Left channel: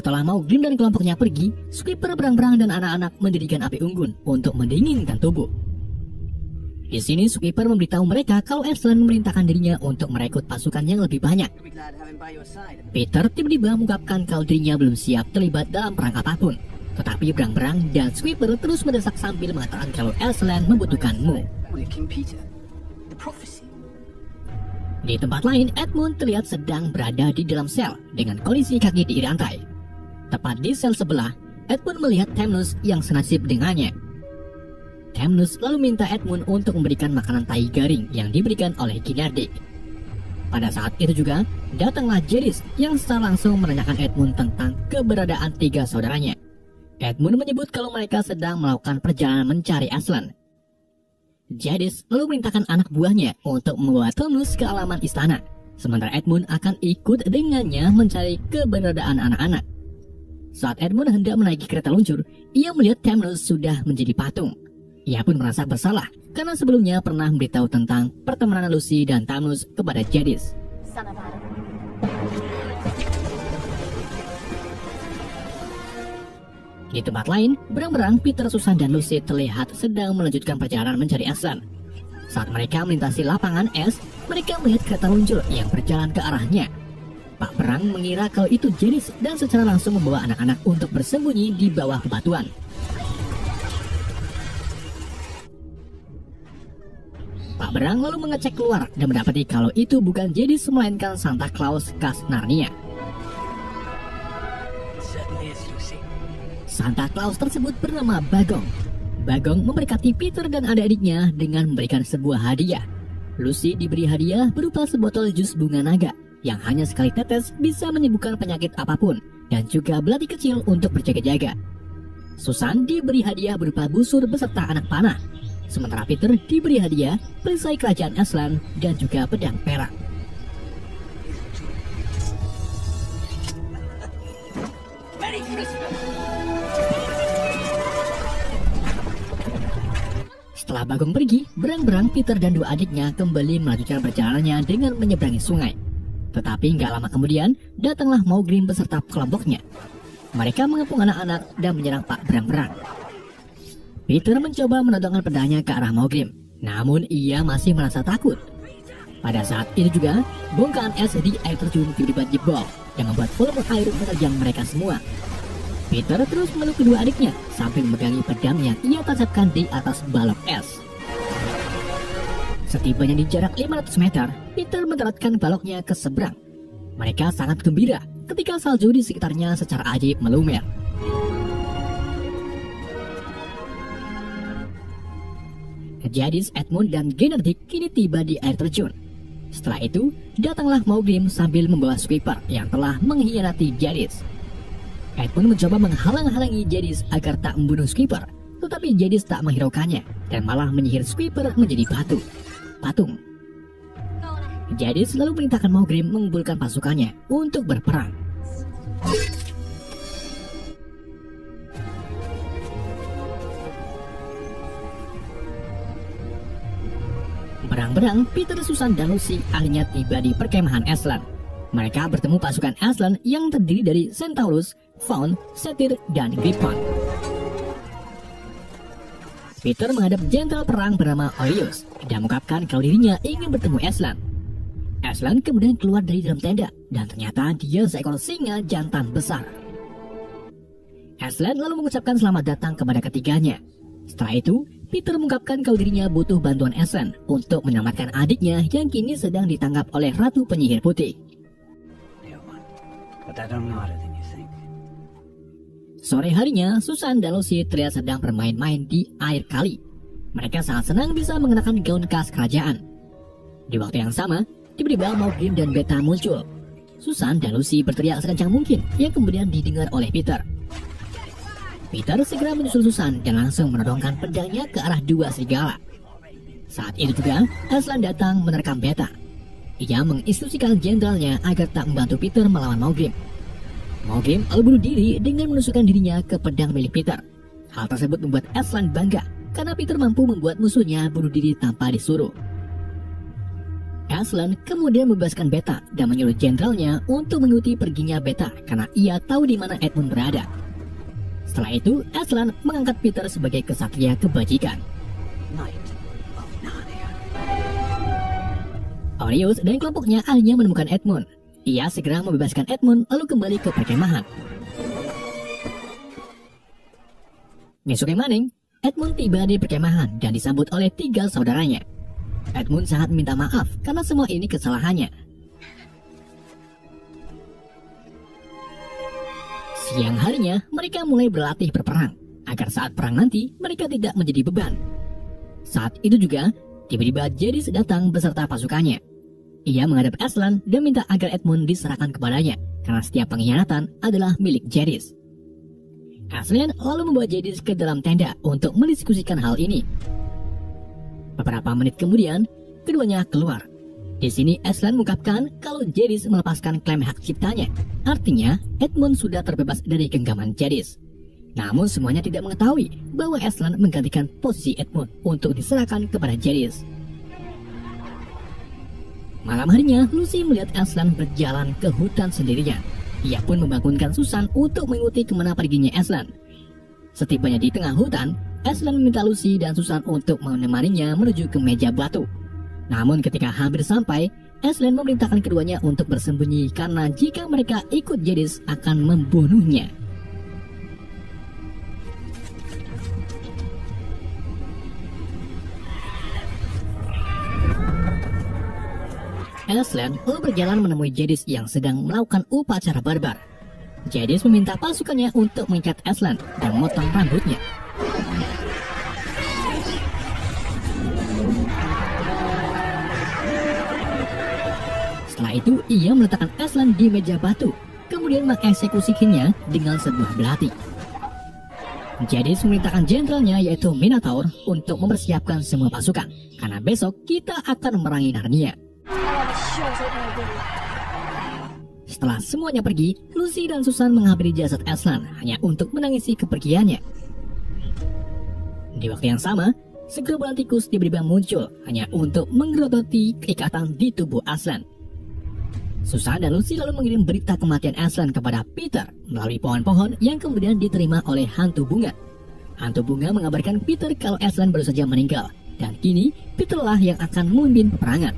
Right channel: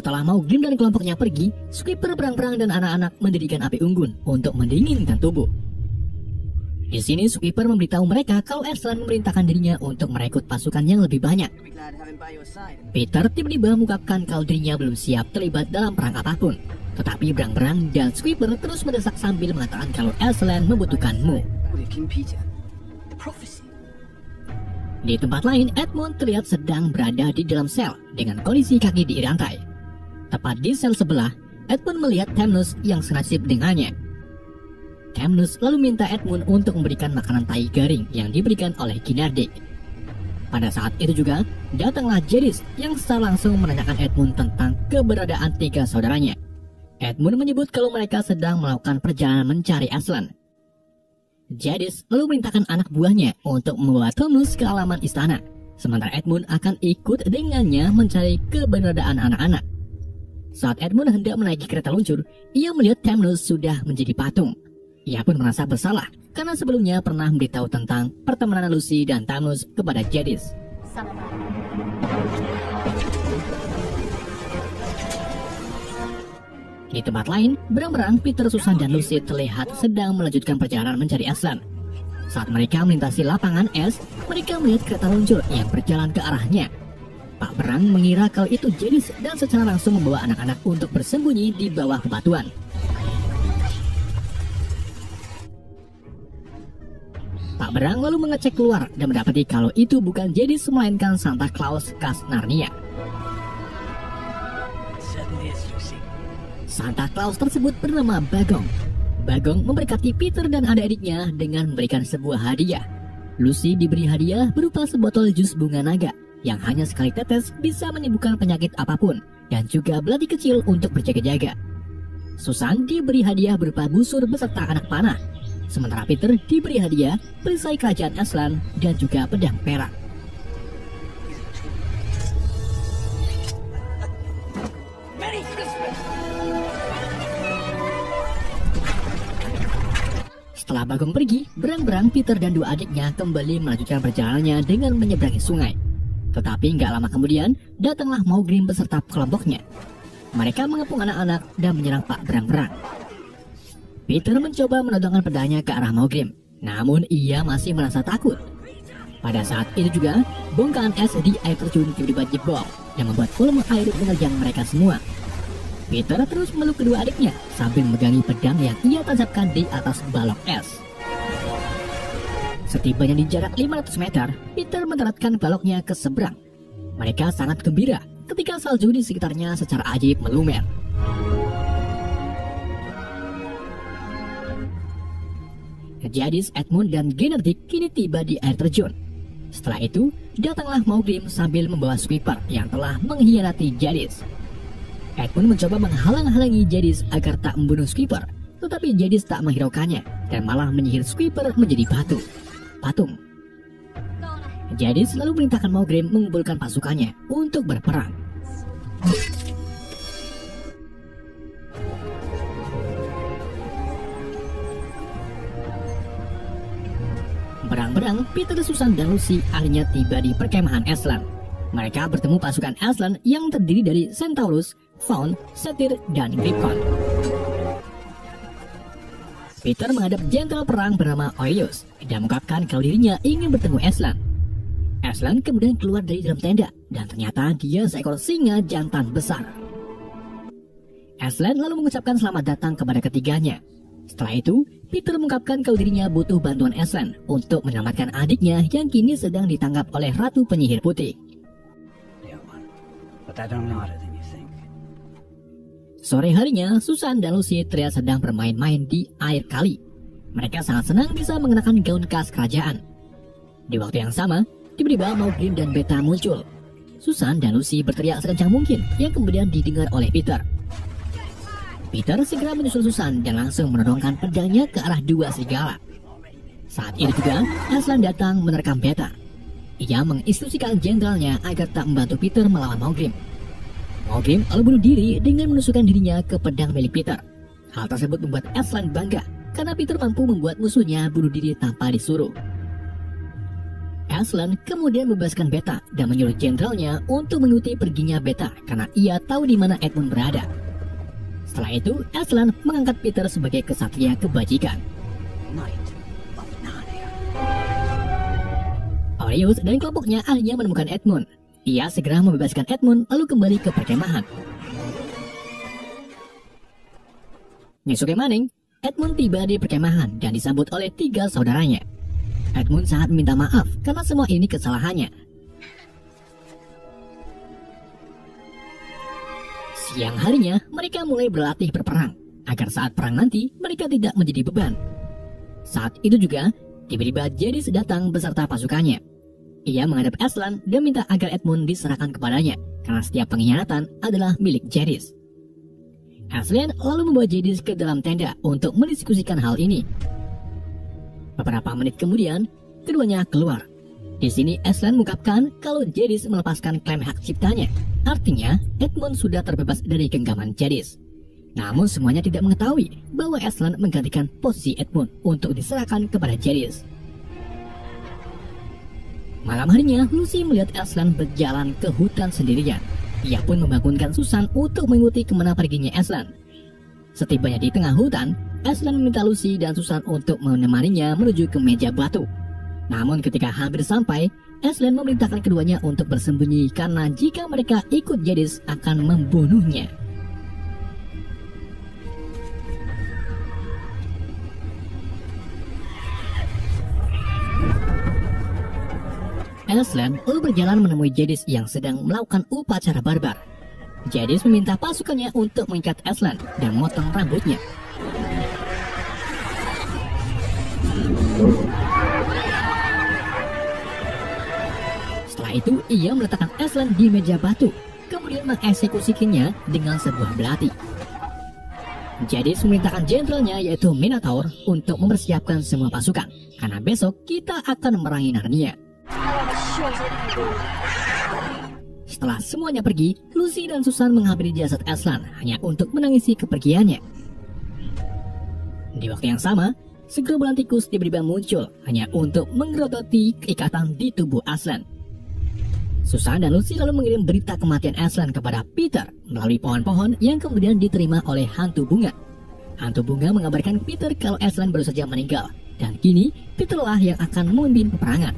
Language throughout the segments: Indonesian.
Setelah Maugrim dan kelompoknya pergi, Sweeper, berang-berang dan anak-anak mendirikan api unggun untuk mendinginkan tubuh. Di sini Sweeper memberitahu mereka kalau Aslan memerintahkan dirinya untuk merekrut pasukan yang lebih banyak. Peter tiba-tiba mengungkapkan kalau dirinya belum siap terlibat dalam perang apapun. Tetapi berang-berang dan Sweeper terus mendesak sambil mengatakan kalau Aslan membutuhkanmu. Di tempat lain, Edmund terlihat sedang berada di dalam sel dengan kondisi kaki diirantai. Tepat di sel sebelah, Edmund melihat Thanos yang senasib dengannya. Thanos lalu minta Edmund untuk memberikan makanan tai garing yang diberikan oleh Ginardik. Pada saat itu juga, datanglah Jadis yang secara langsung menanyakan Edmund tentang keberadaan 3 saudaranya. Edmund menyebut kalau mereka sedang melakukan perjalanan mencari Aslan. Jadis lalu merintahkan anak buahnya untuk membawa Thanos ke halaman istana, sementara Edmund akan ikut dengannya mencari keberadaan anak-anak. Saat Edmund hendak menaiki kereta luncur, ia melihat Thanos sudah menjadi patung. Ia pun merasa bersalah karena sebelumnya pernah memberitahu tentang pertemanan Lucy dan Thanos kepada Jadis. Di tempat lain, berang-berang Peter, Susan, dan Lucy terlihat sedang melanjutkan perjalanan mencari Aslan. Saat mereka melintasi lapangan es, mereka melihat kereta luncur yang berjalan ke arahnya. Pak Berang mengira kalau itu Jadis dan secara langsung membawa anak-anak untuk bersembunyi di bawah bebatuan. Pak Berang lalu mengecek keluar dan mendapati kalau itu bukan Jadis melainkan Santa Claus khas Narnia. Santa Claus tersebut bernama Bagong. Bagong memberkati Peter dan adik-adiknya dengan memberikan sebuah hadiah. Lucy diberi hadiah berupa sebotol jus bunga naga yang hanya sekali tetes bisa menyembuhkan penyakit apapun dan juga belati kecil untuk berjaga-jaga. Susan diberi hadiah berupa busur beserta anak panah. Sementara Peter diberi hadiah perisai kerajaan Aslan dan juga pedang perak. Setelah Bagong pergi, berang-berang Peter dan 2 adiknya kembali melanjutkan perjalanannya dengan menyeberangi sungai. Tetapi nggak lama kemudian, datanglah Maugrim beserta kelompoknya. Mereka mengepung anak-anak dan menyerang Pak Berang-berang. Peter mencoba menodongkan pedangnya ke arah Maugrim, namun ia masih merasa takut. Pada saat itu juga, bongkahan es di air terjun tiba-tiba jebol yang membuat volume air menerjang mereka semua. Peter terus memeluk kedua adiknya sambil memegangi pedang yang ia tancapkan di atas balok es. Setibanya di jarak 500 meter, Peter mendaratkan baloknya ke seberang. Mereka sangat gembira ketika salju di sekitarnya secara ajaib melumer. Jadis, Edmund, dan Ginardik kini tiba di air terjun. Setelah itu, datanglah Maugrim sambil membawa Sweeper yang telah mengkhianati Jadis. Edmund mencoba menghalang-halangi Jadis agar tak membunuh Sweeper, tetapi Jadis tak menghiraukannya dan malah menyihir Sweeper menjadi patung. Jadis lalu perintahkan Maugrim mengumpulkan pasukannya untuk berperang. Berang-berang, Peter, Susan, dan Lucy akhirnya tiba di perkemahan Aslan. Mereka bertemu pasukan Aslan yang terdiri dari Centaurus, Faun, Satyr, dan Griffon. Peter menghadap jenderal perang bernama Oileus dan mengungkapkan kalau dirinya ingin bertemu Aslan. Aslan kemudian keluar dari dalam tenda dan ternyata dia seekor singa jantan besar. Aslan lalu mengucapkan selamat datang kepada ketiganya. Setelah itu, Peter mengungkapkan kalau dirinya butuh bantuan Aslan untuk menyelamatkan adiknya yang kini sedang ditangkap oleh Ratu Penyihir Putih. Sore harinya, Susan dan Lucy terlihat sedang bermain-main di air kali. Mereka sangat senang bisa mengenakan gaun khas kerajaan. Di waktu yang sama, tiba-tiba Maugrim dan Beta muncul. Susan dan Lucy berteriak sekencang mungkin yang kemudian didengar oleh Peter. Peter segera menyusul Susan dan langsung menodongkan pedangnya ke arah 2 serigala. Saat itu juga, Aslan datang menerkam Beta. Ia menginstruksikan jenderalnya agar tak membantu Peter melawan Maugrim. Maugrim lalu bunuh diri dengan menusukkan dirinya ke pedang milik Peter. Hal tersebut membuat Aslan bangga karena Peter mampu membuat musuhnya bunuh diri tanpa disuruh. Aslan kemudian membebaskan Beta dan menyuruh jenderalnya untuk mengikuti perginya Beta karena ia tahu di mana Edmund berada. Setelah itu, Aslan mengangkat Peter sebagai kesatria kebajikan. Orius dan kelompoknya akhirnya menemukan Edmund. Ia segera membebaskan Edmund lalu kembali ke perkemahan. Esoknya maning, Edmund tiba di perkemahan dan disambut oleh 3 saudaranya. Edmund sangat minta maaf karena semua ini kesalahannya. Siang harinya, mereka mulai berlatih berperang, agar saat perang nanti mereka tidak menjadi beban. Saat itu juga, tiba-tiba Jadis datang beserta pasukannya. Ia menghadap Aslan dan minta agar Edmund diserahkan kepadanya, karena setiap pengkhianatan adalah milik Jadis. Aslan lalu membawa Jadis ke dalam tenda untuk mendiskusikan hal ini. Beberapa menit kemudian, keduanya keluar. Di sini Aslan mengungkapkan kalau Jadis melepaskan klaim hak ciptanya. Artinya, Edmund sudah terbebas dari genggaman Jadis. Namun semuanya tidak mengetahui bahwa Aslan menggantikan posisi Edmund untuk diserahkan kepada Jadis. Malam harinya, Lucy melihat Aslan berjalan ke hutan sendirian. Ia pun membangunkan Susan untuk mengikuti kemana perginya Aslan. Setibanya di tengah hutan, Aslan meminta Lucy dan Susan untuk menemaninya menuju ke meja batu. Namun ketika hampir sampai, Aslan memerintahkan keduanya untuk bersembunyi karena jika mereka ikut Jadis akan membunuhnya. Aslan lalu berjalan menemui Jadis yang sedang melakukan upacara barbar. Jadis meminta pasukannya untuk mengikat Aslan dan memotong rambutnya. Setelah itu, ia meletakkan Aslan di meja batu, kemudian mengeksekusikannya dengan sebuah belati. Jadis memerintahkan jenderalnya yaitu Minotaur untuk mempersiapkan semua pasukan, karena besok kita akan merangi Narnia. Setelah semuanya pergi, Lucy dan Susan menghampiri jasad Aslan hanya untuk menangisi kepergiannya. Di waktu yang sama, segerombolan tikus tiba-tiba muncul hanya untuk menggerogoti keikatan di tubuh Aslan. Susan dan Lucy lalu mengirim berita kematian Aslan kepada Peter melalui pohon-pohon yang kemudian diterima oleh hantu bunga. Hantu bunga mengabarkan Peter kalau Aslan baru saja meninggal, dan kini Peterlah yang akan memimpin peperangan.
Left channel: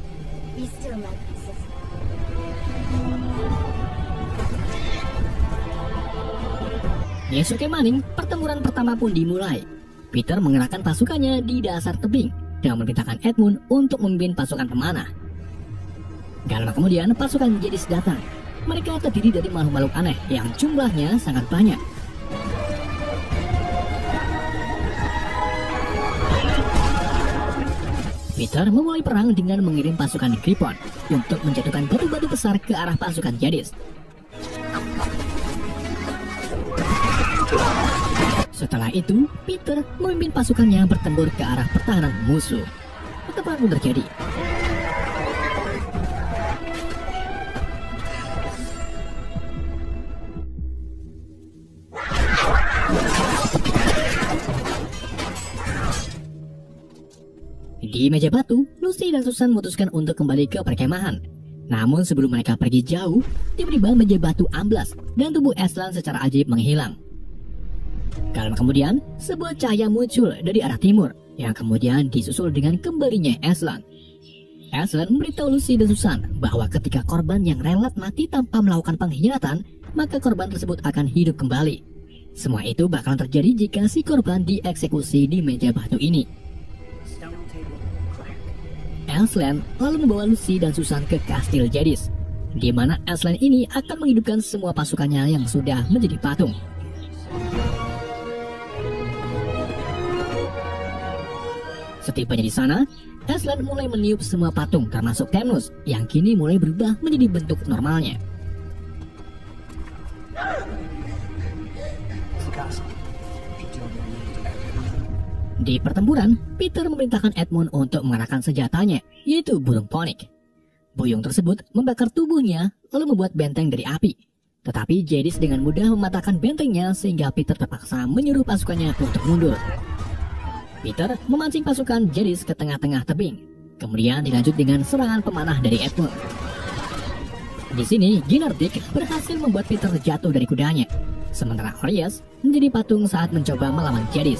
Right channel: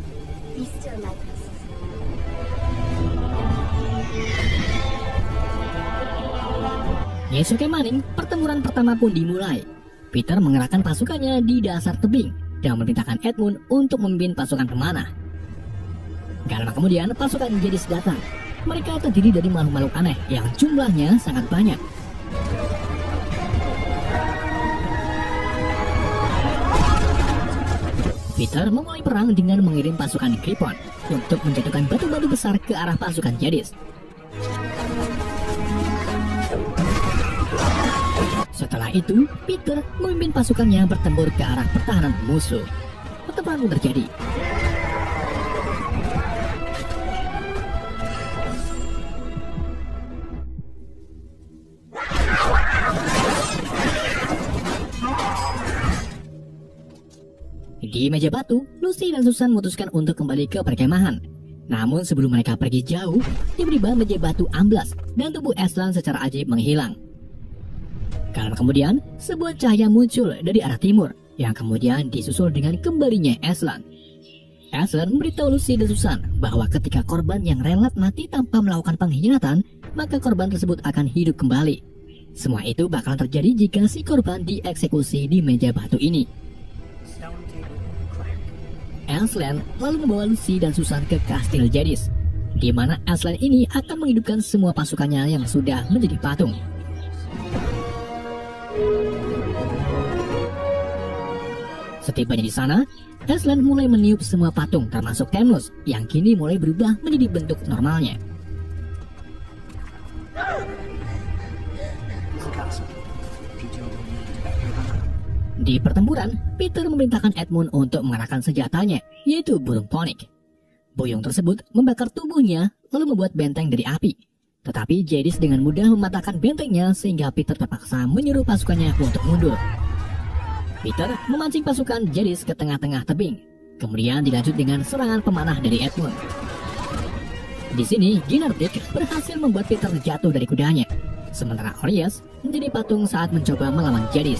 Esoknya maning, pertempuran pertama pun dimulai. Peter mengerahkan pasukannya di dasar tebing dan memerintahkan Edmund untuk memimpin pasukan pemanah. Gak lama kemudian, pasukan Jadis datang. Mereka terdiri dari makhluk-makhluk aneh yang jumlahnya sangat banyak. Peter memulai perang dengan mengirim pasukan Griffon untuk menjatuhkan batu-batu besar ke arah pasukan Jadis. Setelah itu, Peter memimpin pasukannya bertempur ke arah pertahanan musuh. Pertempuran terjadi. Di meja batu, Lucy dan Susan memutuskan untuk kembali ke perkemahan. Namun sebelum mereka pergi jauh, tiba-tiba meja batu amblas dan tubuh Aslan secara ajaib menghilang. Gak lama kemudian, sebuah cahaya muncul dari arah timur yang kemudian disusul dengan kembalinya Aslan. Aslan memberitahu Lucy dan Susan bahwa ketika korban yang relat mati tanpa melakukan pengkhianatan, maka korban tersebut akan hidup kembali. Semua itu bakalan terjadi jika si korban dieksekusi di meja batu ini. Aslan lalu membawa Lucy dan Susan ke kastil Jadis, di mana Aslan ini akan menghidupkan semua pasukannya yang sudah menjadi patung. Setibanya di sana, Aslan mulai meniup semua patung termasuk Temnus yang kini mulai berubah menjadi bentuk normalnya. Di pertempuran, Peter memerintahkan Edmund untuk mengarahkan senjatanya, yaitu burung ponik. Buyung tersebut membakar tubuhnya lalu membuat benteng dari api. Tetapi Jadis dengan mudah mematahkan bentengnya sehingga Peter terpaksa menyuruh pasukannya untuk mundur. Peter memancing pasukan Jadis ke tengah-tengah tebing. Kemudian dilanjut dengan serangan pemanah dari Edmund. Di sini, Ginardik berhasil membuat Peter jatuh dari kudanya, sementara Orius menjadi patung saat mencoba melawan Jadis.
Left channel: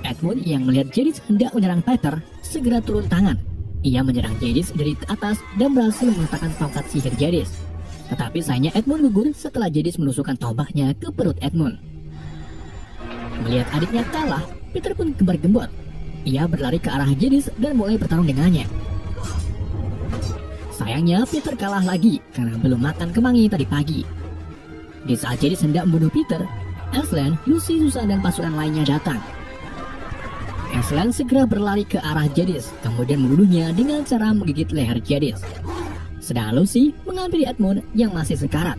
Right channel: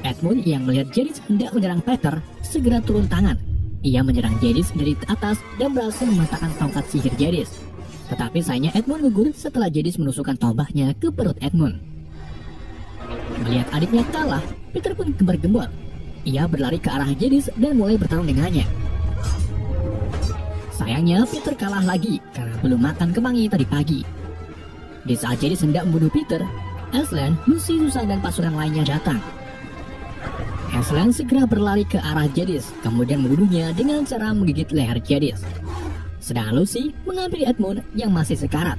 Edmund yang melihat Jadis hendak menyerang Peter segera turun tangan. Ia menyerang Jadis dari atas dan berhasil mematahkan tongkat sihir Jadis. Tetapi sayangnya Edmund gugur setelah Jadis menusukkan tombaknya ke perut Edmund. Melihat adiknya kalah, Peter pun gembar-gembor. Ia berlari ke arah Jadis dan mulai bertarung dengannya. Sayangnya Peter kalah lagi karena belum makan kemangi tadi pagi. Di saat Jadis hendak membunuh Peter, Aslan, Lucy, Susan, dan pasukan lainnya datang. Aslan segera berlari ke arah Jadis, kemudian membunuhnya dengan cara menggigit leher Jadis. Sedangkan Lucy mengambil Edmund yang masih sekarat.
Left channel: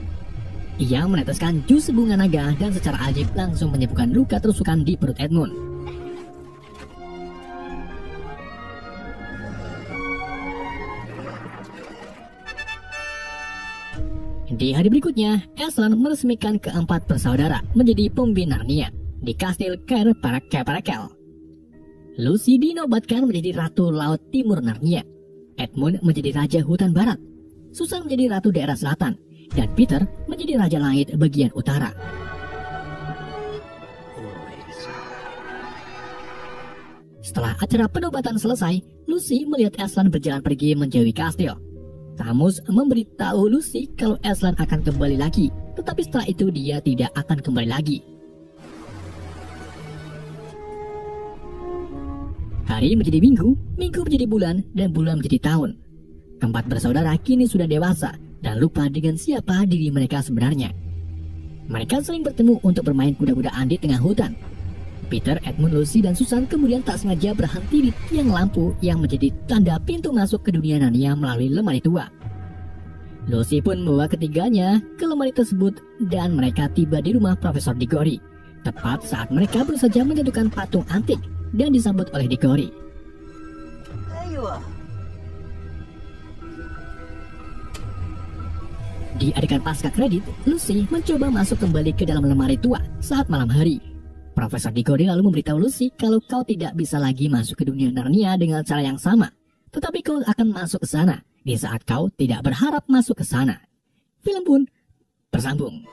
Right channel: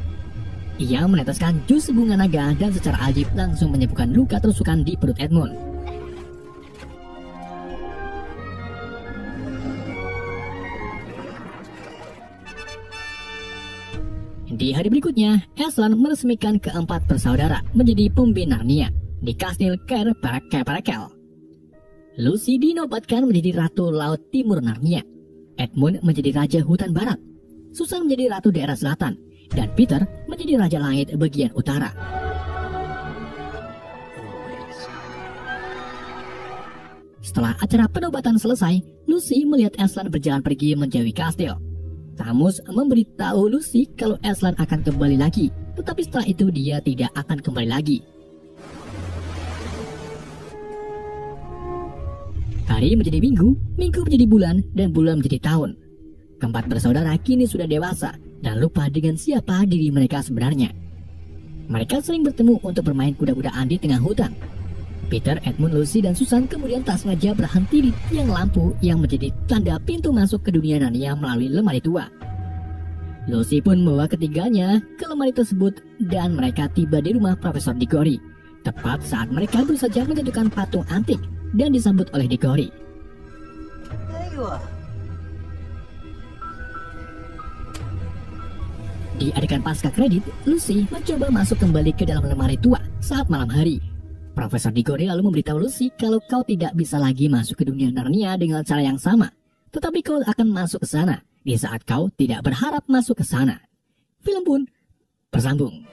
Ia meneteskan jus bunga naga dan secara ajib langsung menyembuhkan luka tusukan di perut Edmund. Di hari berikutnya, Aslan meresmikan keempat bersaudara menjadi pembina Narnia di kastil Cair Parakel. Lucy dinobatkan menjadi Ratu Laut Timur Narnia. Edmund menjadi Raja Hutan Barat. Susan menjadi Ratu Daerah Selatan. Dan Peter menjadi Raja Langit bagian utara. Setelah acara penobatan selesai, Lucy melihat Aslan berjalan pergi menjauhi kastil. Tamus memberitahu Lucy kalau Aslan akan kembali lagi. Tetapi setelah itu dia tidak akan kembali lagi. Hari menjadi minggu, minggu menjadi bulan, dan bulan menjadi tahun. Keempat bersaudara kini sudah dewasa dan lupa dengan siapa diri mereka sebenarnya. Mereka sering bertemu untuk bermain kuda-kudaan di tengah hutan. Peter, Edmund, Lucy, dan Susan kemudian tak sengaja berhenti di tiang lampu yang menjadi tanda pintu masuk ke dunia Narnia melalui lemari tua. Lucy pun membawa ketiganya ke lemari tersebut dan mereka tiba di rumah Profesor Diggory, tepat saat mereka baru saja menjatuhkan patung antik dan disambut oleh Diggory. Di adegan pasca kredit, Lucy mencoba masuk kembali ke dalam lemari tua saat malam hari. Profesor Diggory lalu memberitahu Lucy kalau kau tidak bisa lagi masuk ke dunia Narnia dengan cara yang sama, tetapi kau akan masuk ke sana di saat kau tidak berharap masuk ke sana. Film pun bersambung.